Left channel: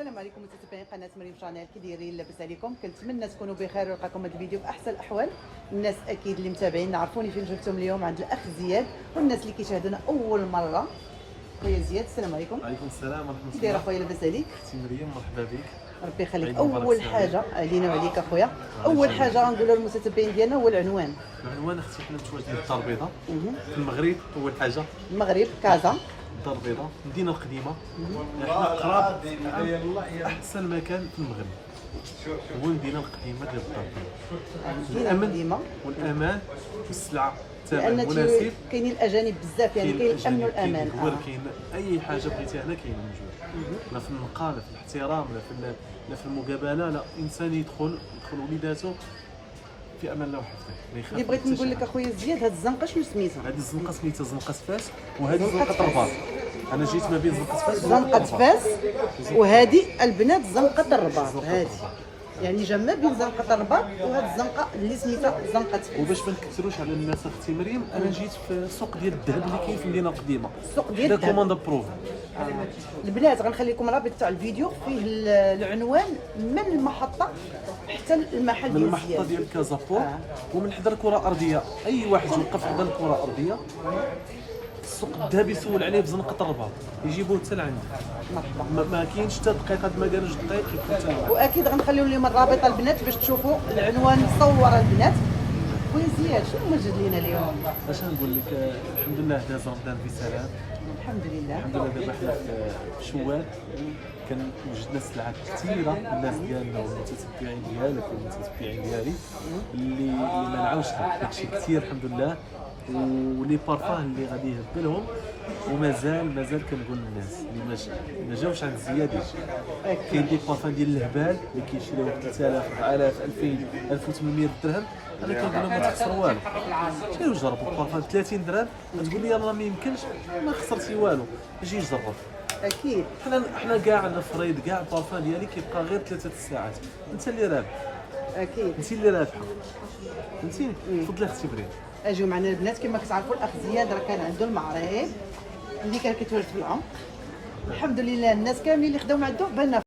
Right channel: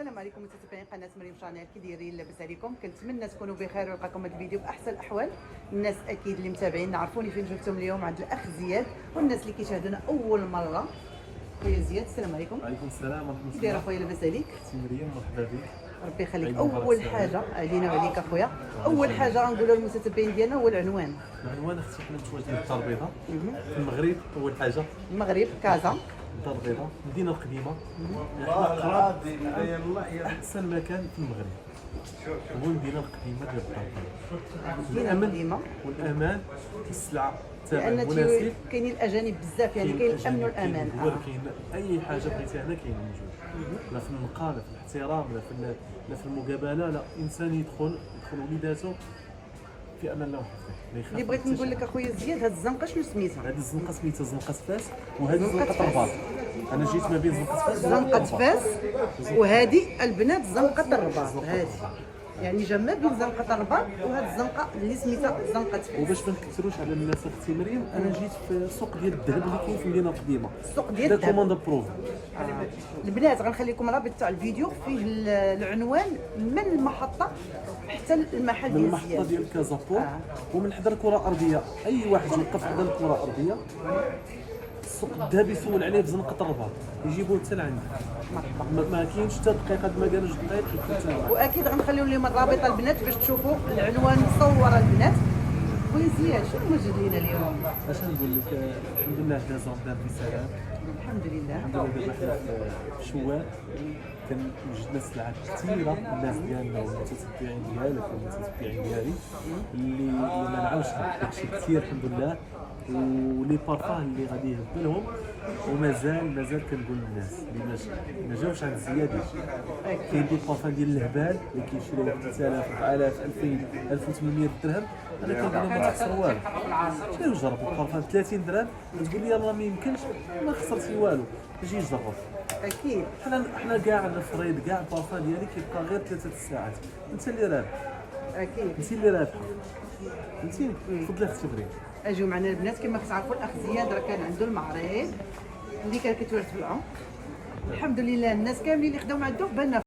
السلام عليكم متابعين قناه مريم شانيل، كي دايرين؟ لاباس عليكم؟ كنتمنى تكونوا بخير ويلقاكم هذا الفيديو باحسن الاحوال. الناس اكيد اللي متابعين عرفوني فين جبتهم اليوم عند الاخ زياد، والناس اللي كيشاهدونا اول مره. خويا زياد السلام عليكم. وعليكم السلام ورحمه الله. كي داير اخويا؟ لاباس عليك؟ سي مريم مرحبا بك. ربي يخليك. اول حاجه علينا وعليك اخويا، اول حاجه غنقولها للمتابعين ديالنا هو العنوان. العنوان اختي حنا متواجدين في الدار البيضاء في المغرب. اول حاجه المغرب كازا الدار البيضاء المدينه القديمه، حنا قراب احسن مكان في المغرب هو المدينه القديمه ديال الدار البيضاء. الامن والامان والسلعه الثمن مناسب. كاينين الاجانب بزاف، يعني كاين الامن والامان. كاين اي حاجه بغيتيها هنا كاينه موجوده، لا في النقاء لا في الاحترام لا في المقابله. لا انسان يدخل وليداته في امان الله وحفظه. اللي بغيت نقول لك اخويا زياد، هاد الزنقه شنو سميتها؟ هذه الزنقه سميتها زنقه فاس، وهذه زنقه الرباط. انا جيت ما بين زنقه فاس زنقه فاس، وهذه البنات زنقه الرباط. هذه يعني جمع بين زنقه الرباط وهاد الزنقه اللي سميتها زنقه فاس. وباش ما نكثروش على الناس اختي مريم، انا جيت في السوق ديال الذهب اللي كاين في المدينه القديمه. السوق ديال الذهب كوموند بروف. البنات غنخلي لكم رابط تاع الفيديو فيه العنوان من المحطه حتى المحل. من المحطه ديال كازابور ومن حدا الكره الارضيه. اي واحد يوقف حدا الكره الارضيه السوق الذهبي يسول عليه بزنقه الرباط، يجيبوه حتى لعندي. ما كاينش حتى دقيقه، ما كانش دقيق يبقى حتى لعندي. واكيد غنخليو لهم الرابط البنات باش تشوفوا العنوان مصور البنات. خويا زياد شنو موجد لينا اليوم؟ اش نقول لك، الحمد لله داز رمضان بسلام. الحمد لله. الحمد لله دابا حنا في شوال كان وجدنا سلعات كثيره. الناس ديالنا والمتتبعين ديالك والمتتبعين ديالي اللي ما نعاوش داكشي كثير الحمد لله، ولي بارفان اللي غادي يهبلهم. ومازال كنقول للناس اللي ما جاوش عند زياد كاين دي بارفان ديال الهبال اللي كيشريو 3000 4000 2000 1800 درهم. انا كنقول لهم ما تخسروا والو، جاي جربوا بارفان 30 درهم. تقول لي راه ما يمكنش، ما خسرتي والو، جي جرب. اكيد حنا كاع الفريد كاع البارفان ديالي كيبقى غير 3 ساعات. انت اللي رابح، اكيد انت اللي رابحه، فهمتي. تفضلي اختي مريم. اجيو معنا البنات. كما كتعرفوا الاخ زياد راه كان عنده المعرض اللي كان كيتولد فيها. الحمد لله الناس كاملين اللي خداو عنده بالنا